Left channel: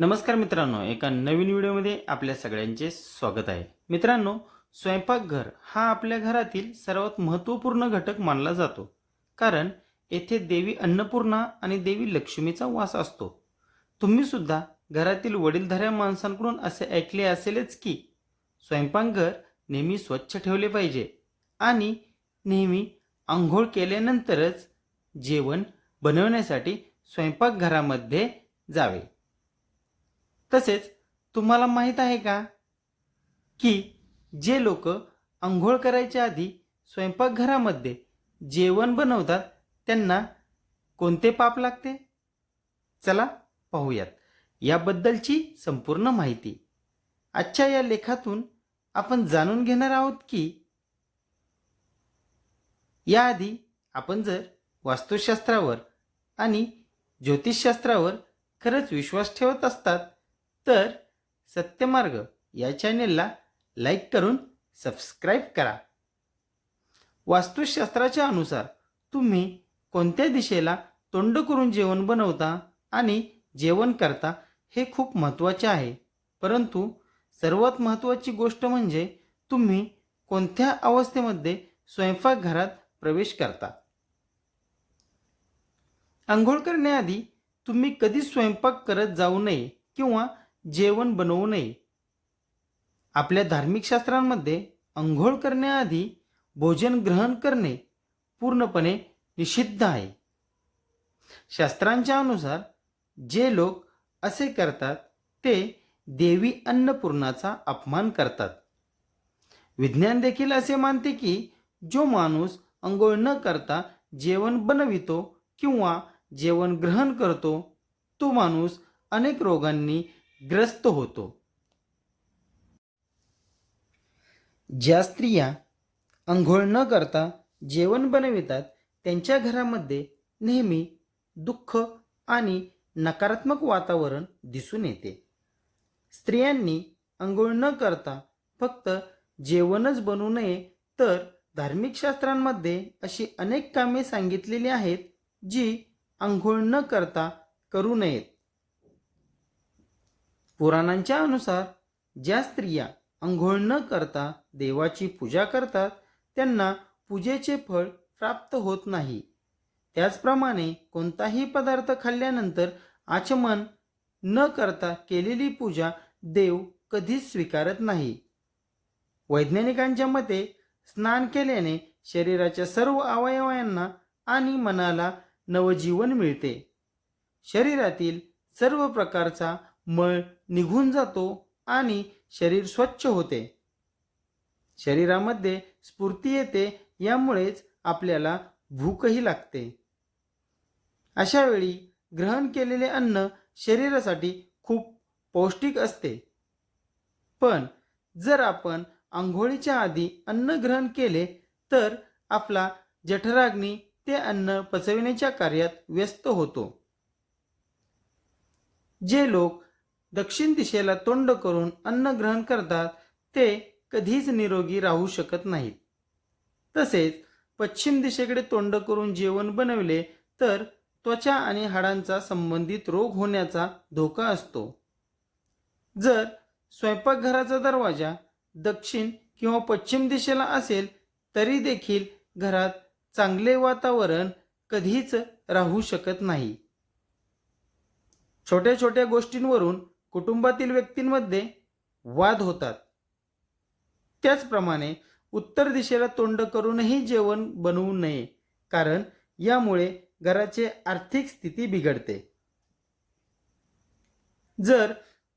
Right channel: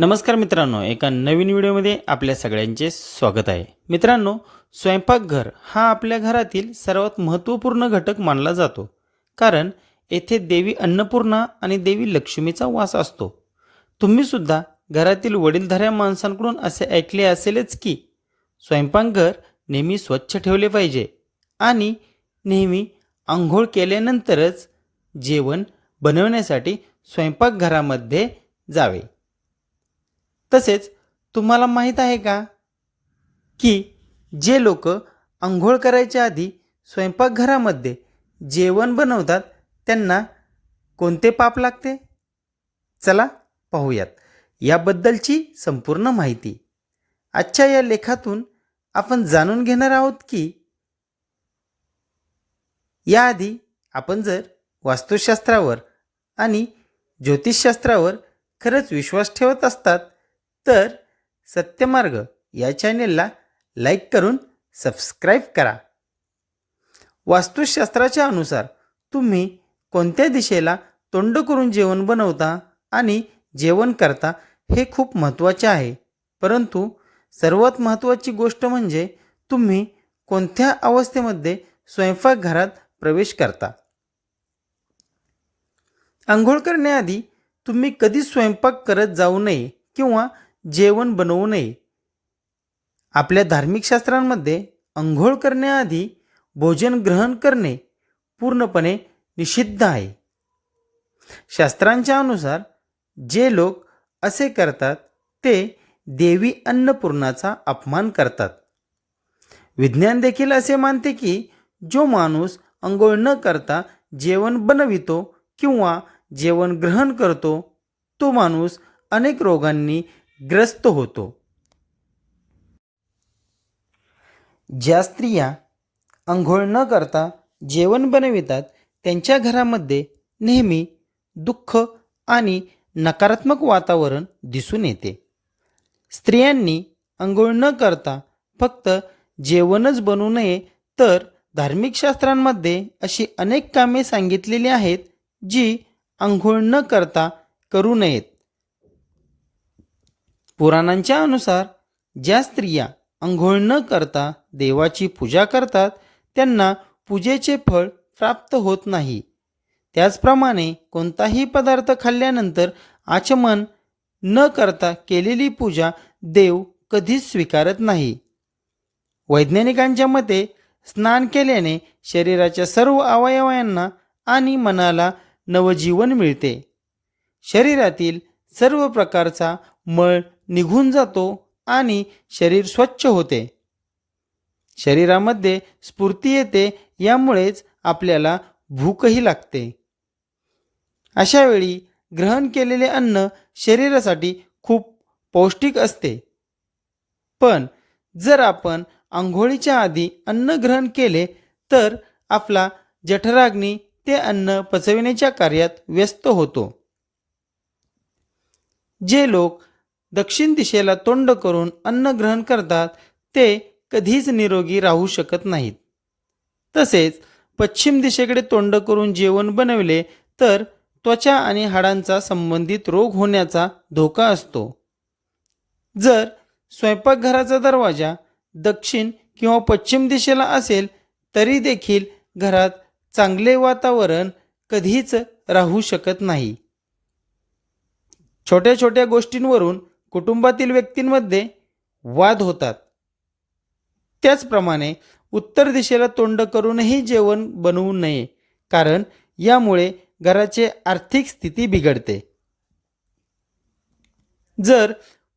नमस्कार मित्रांनो एका नवीन व्हिडिओमध्ये आपल्या सगळ्यांचे स्वागत आहे. मित्रांनो स्वयंपाकघर हा आपल्या घरातील सर्वात महत्त्वपूर्ण घटक मानला जातो. कारण येथे देवी अन्नपूर्णा आणि देवी लक्ष्मीचा वास असतो. तुम्हीसुद्धा घरातील वडीलधाऱ्या माणसांकडून असे ऐकले असेलच की स्वयंपाकघर नेहमी स्वच्छ ठेवले पाहिजे आणि नेहमी आंघोळ केल्यानंतरच जेवण बनवण्यासाठी स्वयंपाकघरामध्ये जावे. तसेच तुम्हाला माहीत आहे का की जे लोक आंघोळ करायच्या आधी स्वयंपाकघरामध्ये जेवण बनवतात त्यांना कोणते पाप लागते? चला पाहूयात. याबद्दलची संपूर्ण माहिती. आजच्या या लेखातून आपण जाणून घेणार आहोत की याआधी आपण जर वास्तुशास्त्रावर आणि ज्योतिषशास्त्रावर खरंच विश्वास ठेवत असतात तर सत्यमार्ग या चॅनेलला लाईक करून सबस्क्राईब करा. वास्तुशास्त्राच्या अनुसार तुम्ही कोणत्या दिशेला तोंड करून जेवण बनवता आणि जेवण करता हे खूप महत्त्वाचे आहे. परंतु सर्वात महत्त्वाची गोष्ट म्हणजे तुम्ही कोणत्या अवस्थेमध्ये स्वयंपाकघरात प्रवेश करता? आंघोळ करण्याआधी तुम्ही कधीच स्वयंपाक करत जाऊ नये किंवा जेवण बनवू नये. आपल्या धार्मिक शास्त्रांमध्ये अंघोळ करण्याआधी भोजन ग्रहण करणे पूर्णपणे निषिद्ध आहे. शास्त्रांच्या अनुसार जे लोक असे करतात ते देवी अन्नपूर्णाचा अपमान करतात. विज्ञान देखील असे मानते की जो माणूस अंघोळ न करता जेवण बनवितो किंवा जेवण ग्रहण करतो तो माणूस अनेक रोगांनी ग्रस्त होतो. ज्या स्त्रिया अंघोळ न करता जेवण बनवितात त्यांच्या घरामध्ये नेहमी दुःख आणि नकारात्मक वातावरण दिसून येते. स्त्रियांनी अंघोळ न करता फक्त जेवणच बनवू नये तर धार्मिक शास्त्रांमध्ये अशी अनेक कामे सांगितलेली आहेत जी आंघोळ न करता करू नयेत. पुराणांच्या अनुसार ज्या स्त्रिया अंघोळ न करता देवाची पूजा करतात त्यांना पूजेचे फळ प्राप्त होत नाही. त्याचप्रमाणे कोणताही पदार्थ खाल्ल्यानंतर आचमन न करता केलेली पूजा देव कधीच स्वीकारत नाही. वैज्ञानिकांच्या मते स्नान केल्याने शरीराच्या सर्व अवयवांना आणि मनाला नवजीवन मिळते. शरीरातील सर्व प्रकारचा मळ निघून जातो आणि शरीर स्वच्छ होते. शरीरामध्ये स्फूर्ती येते यामुळेच आपल्याला भूकही लागते. अशावेळी ग्रहण केलेले अन्न शरीरासाठी खूप पौष्टिक असते. पण जर आपण आंघोळीच्या आधी अन्न ग्रहण केले तर आपला जठराग्नी ते अन्न पचविण्याच्या कार्यात व्यस्त होतो. जे लोक दक्षिण दिशेला तोंड करून अन्न ग्रहण करतात ते कधीच निरोगी राहू शकत नाहीत. तसेच पश्चिम दिशेकडे तोंड करून जेवण बनवले तर त्वचा आणि हाडांचा संबंधित रोग होण्याचा धोका असतो. जर स्वयंपाकघराचा दरवाजा दक्षिण किंवा पश्चिम दिशेला असेल तरी देखील घरात चांगले वातावरण कधीच राहू शकत नाही. छोट्या छोट्या गोष्टींवरून कुटुंबातील व्यक्तींमध्ये वाद होतात. त्याचप्रमाणे उत्तर दिशेला तोंड करूनही जेवण बनवू नये कारण यामुळे घराचे आर्थिक स्थिती बिघडते. जर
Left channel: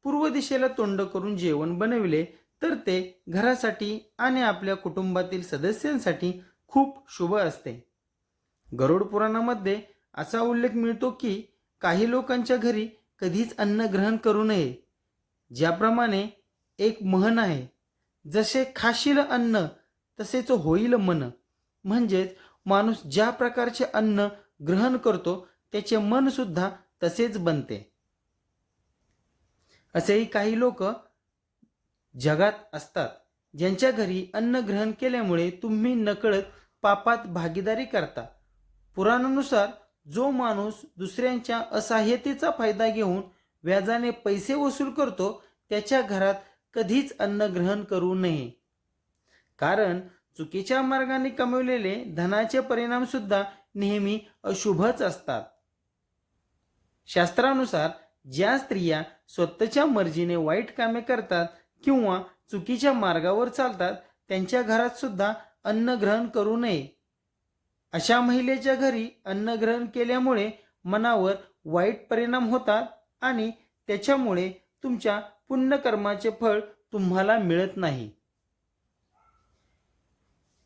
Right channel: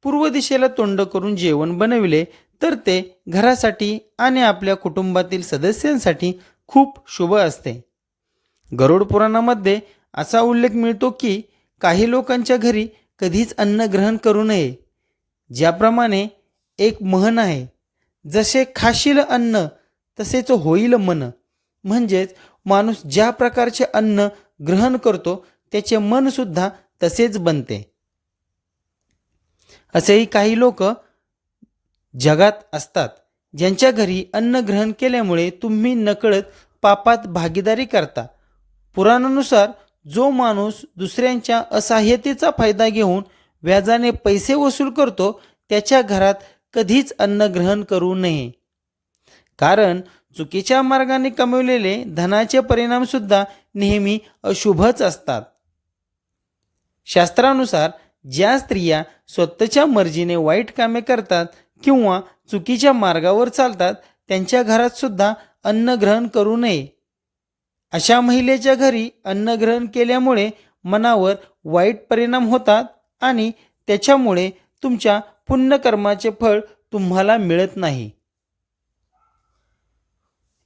पूर्व दिशेला तोंड करून जेवण बनविले तर ते घरासाठी आणि आपल्या कुटुंबातील सदस्यांसाठी खूप शुभ असते. गरुड पुराणामध्ये असा उल्लेख मिळतो की काही लोकांच्या घरी कधीच अन्न ग्रहण करू नये. ज्याप्रमाणे एक म्हण आहे जसे खाशील अन्न तसेच होईल मन. म्हणजेच माणूस ज्या प्रकारचे अन्न ग्रहण करतो त्याचे मनसुद्धा तसेच बनते. असेही काही लोक जगात असतात ज्यांच्या घरी अन्न ग्रहण केल्यामुळे तुम्ही नकळत पापात भागीदारी करता. पुराणानुसार जो माणूस दुसऱ्यांच्या असहाय्यतेचा फायदा घेऊन व्याजाने पैसे वसूल करतो त्याच्या घरात कधीच अन्न ग्रहण करू नये. कारण चुकीच्या मार्गाने कमवलेले धनाचे परिणामसुद्धा नेहमी अशुभच असतात. शास्त्रानुसार ज्या स्त्रिया स्वतःच्या मर्जीने वाईट कामे करतात किंवा चुकीच्या मार्गावर चालतात त्यांच्या घरात सुद्धा अन्न ग्रहण करू नये. अशा महिलेच्या घरी अन्न ग्रहण केल्यामुळे मनावर वाईट परिणाम होतात आणि त्याच्यामुळे तुमच्या पुण्यकर्माचे फळ तुम्हाला मिळत नाही.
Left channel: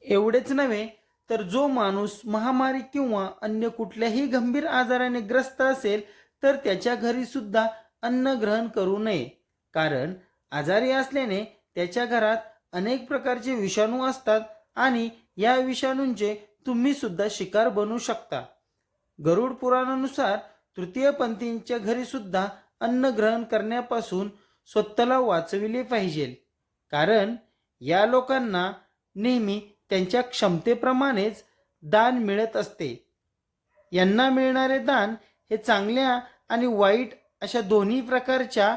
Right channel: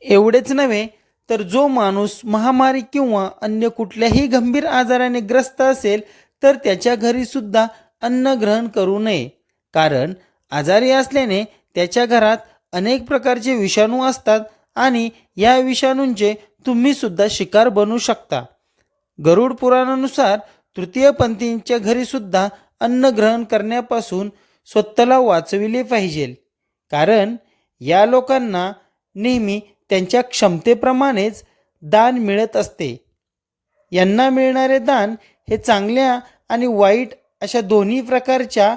एवढेच नव्हे तर जो माणूस महामारी किंवा अन्य कुठल्याही गंभीर आजाराने ग्रस्त असेल तर त्याच्या घरी सुद्धा अन्न ग्रहण करू नये. कारण आजारी असल्याने त्याच्या घरात अनेक प्रकारचे विषाणू असतात आणि या विषाणूंचे तुम्ही सुद्धा शिकार बनू शकता. गरुड पुराणानुसार तृतीयपंथींच्या घरी सुद्धा अन्न ग्रहण करण्यापासून स्वतःला वाचविले पाहिजे. कारण या लोकांना नेहमी त्यांच्या क्षमतेप्रमाणेच दान मिळत असते. यांना मिळणारे दान हे चांगल्या आणि वाईट अशा दोन्ही प्रकारच्या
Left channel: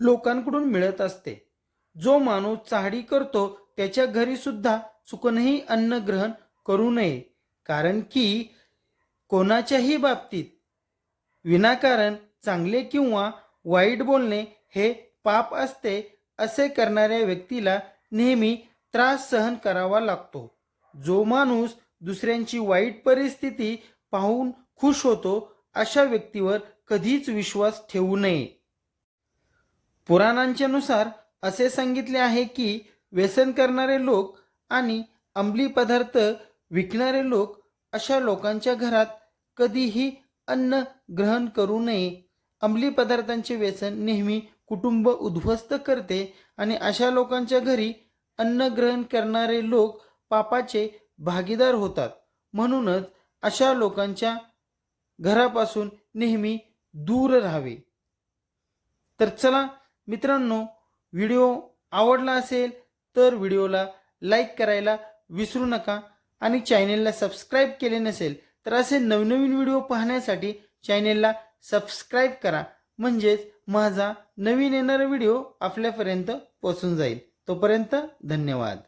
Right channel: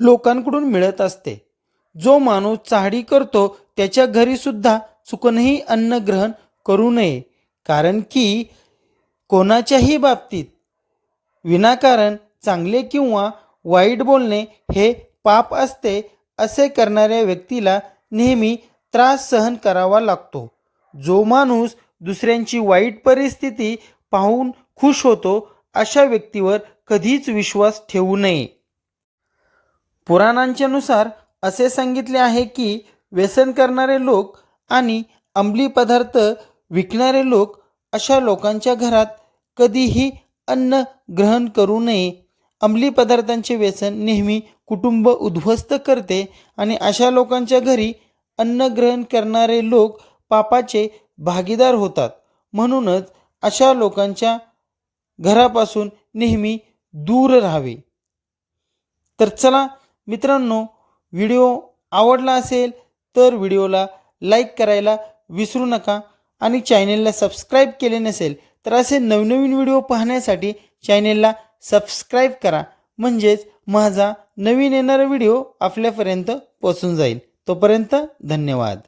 लोकांकडून मिळत असते. जो माणूस चाहडी करतो त्याच्या घरी सुद्धा चुकूनही अन्न ग्रहण करू नये. कारण की कोणाच्याही बाबतीत विनाकारण चांगले किंवा वाईट बोलणे हे पाप असते असे करणाऱ्या व्यक्तीला नेहमी त्रास सहन करावा लागतो. जो माणूस दुसऱ्यांची वाईट परिस्थिती पाहून खुश होतो अशा व्यक्तीवर कधीच विश्वास ठेवू नये. पुराणांच्यानुसार असे सांगितले आहे की व्यसन करणारे लोक आणि अंमली पदार्थ विकणारे लोक अशा लोकांच्या घरात कधीही अन्न ग्रहण करू नये. अंमली पदार्थांचे व्यसन नेहमी कुटुंब उद्ध्वस्त करते आणि अशा लोकांच्या घरी अन्न ग्रहण करणारे लोक पापाचे भागीदार होतात. म्हणूनच अशा लोकांच्या घरापासून नेहमी दूर राहावे. तर चला मित्रांनो व्हिडिओ आवडला असेल तर व्हिडिओला लाईक करायला विसरू नका आणि चॅनेलला सबस्क्राईब केले नसेल तर असे नवनवीन व्हिडिओ पाहण्यासाठी चॅनेलला सबस्क्राईब करा. म्हणजेच माझा नवीन येणारा व्हिडिओ आपल्यापर्यंत पोचून जाईल. तोपर्यंत धन्यवाद.